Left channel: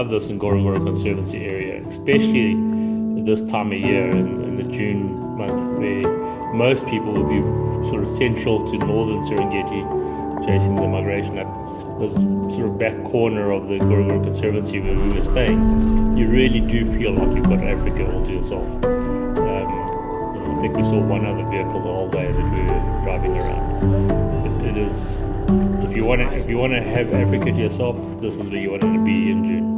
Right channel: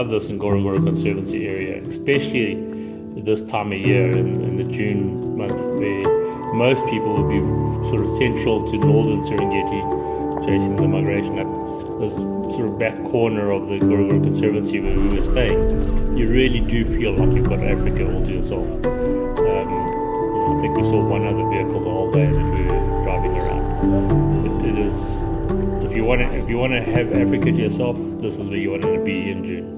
love this Ngorongoro conservancy area, especially this time of year in the June month, where most people will be sort of central to northern Serengeti, chasing the migration up. This sort of back corner of the Ngorongoro conservancy where we were staying, you really do feel like you've got Africa all to yourself. I think we saw one other vehicle the whole day that we were driving around. It is, if you want to have Africa to yourself, this is where you want to be in June.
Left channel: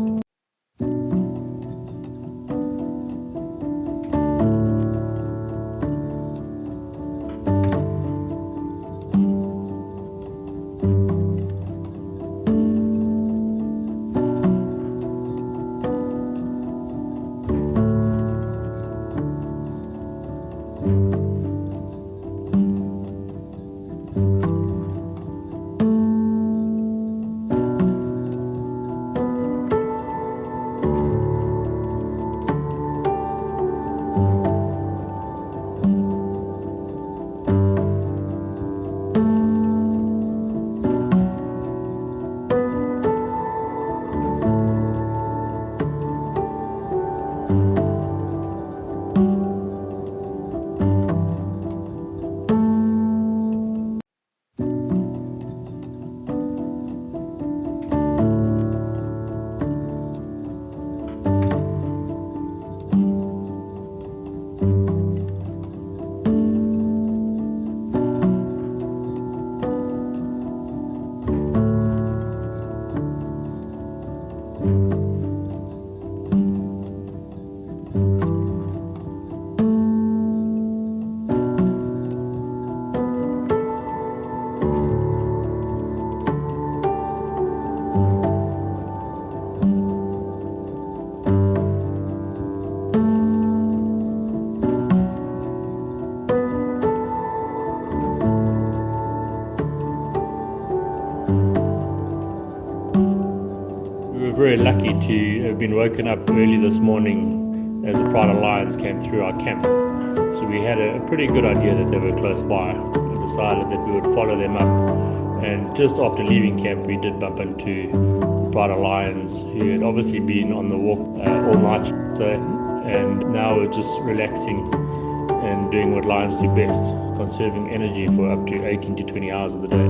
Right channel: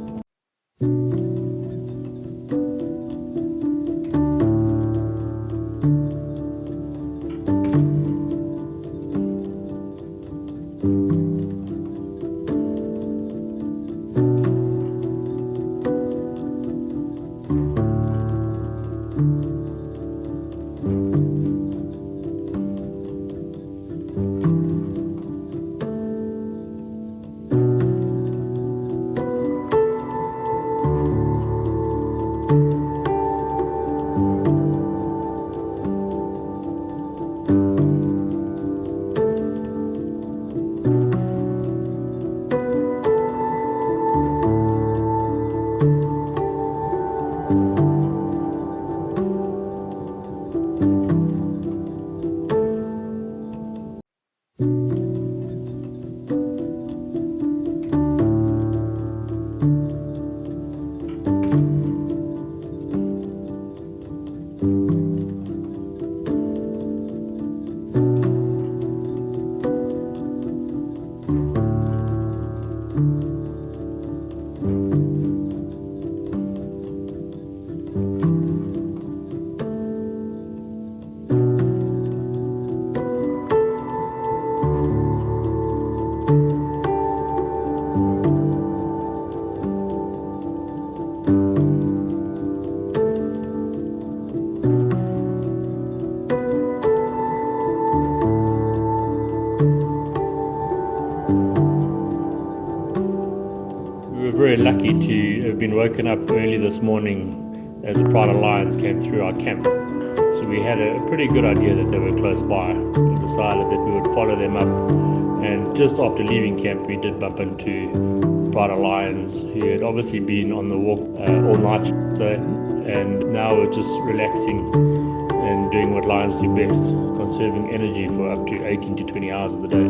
We were very lucky to have been woken up early this morning as a pride of lions came through our camp. So we had a pretty good idea that they were close by. We decided that we would follow them up, and just after leaving camp we did bump into pride of lions who had obviously been on the walk all night, and now we're just relaxing and doing what lions do best, conserving energy for up to 18 to 20 hours of the day.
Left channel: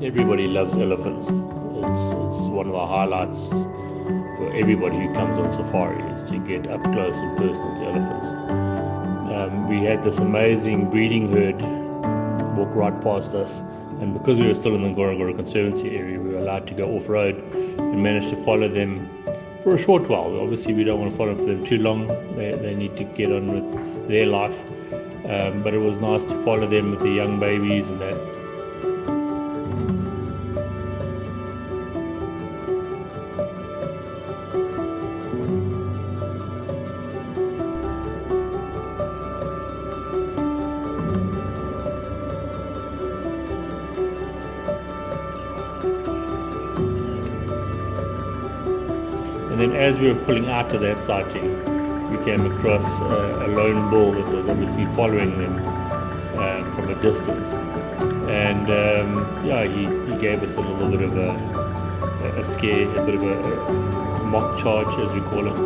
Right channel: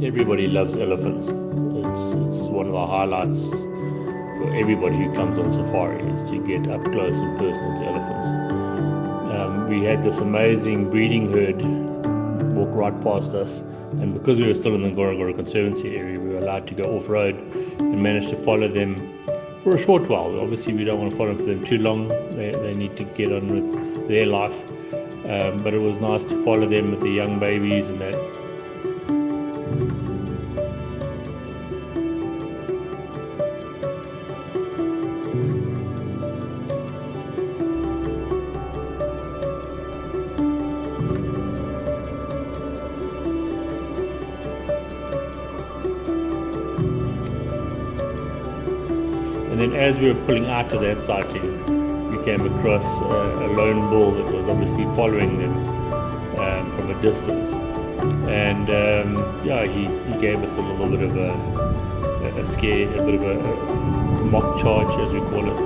Everybody loves elephants. It's one of the highlights for everybody who comes on safari is to get up close and personal to elephants. We had this amazing breeding herd walk right past us, and because we were still in the Ngorongoro conservancy area, we were allowed to go off-road and managed to follow them for a short while. Obviously we don't want to follow them too long, they need to get on with their life, but it was nice to follow them with the young babies and that. And then as we were pulling out of that sighting, we came across a lone bull that was obviously following them from a distance. And he gave us a little bit of a scare, a bit of a mock charge, as we call it.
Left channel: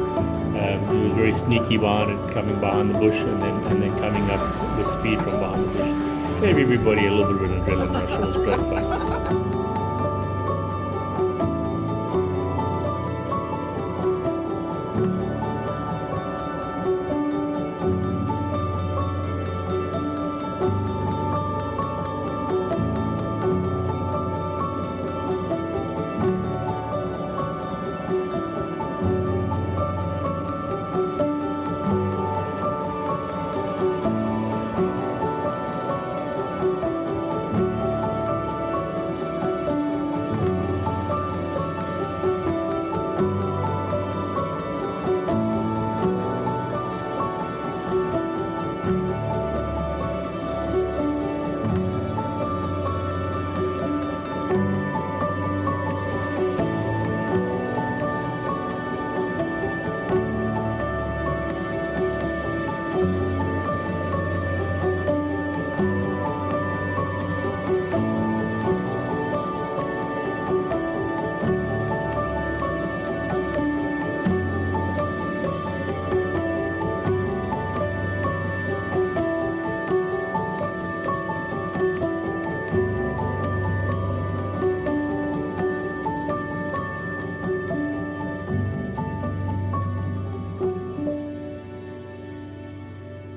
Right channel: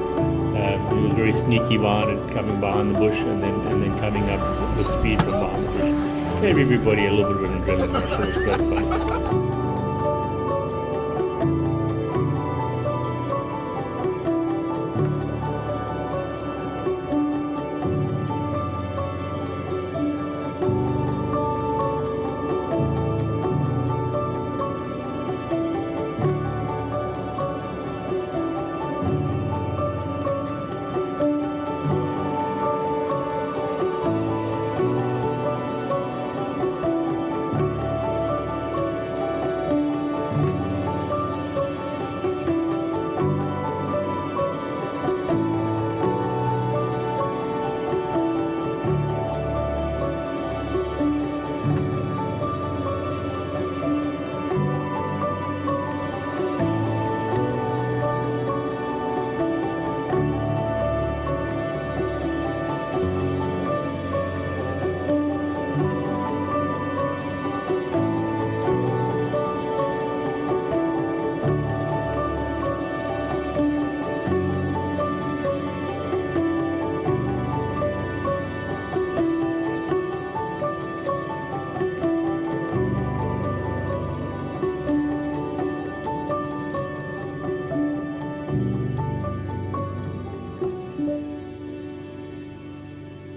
He was very sneaky behind it, coming behind the bush and then coming up with speed from behind the bush. Gave everybody a little bit of an adrenaline rush. It was great fun.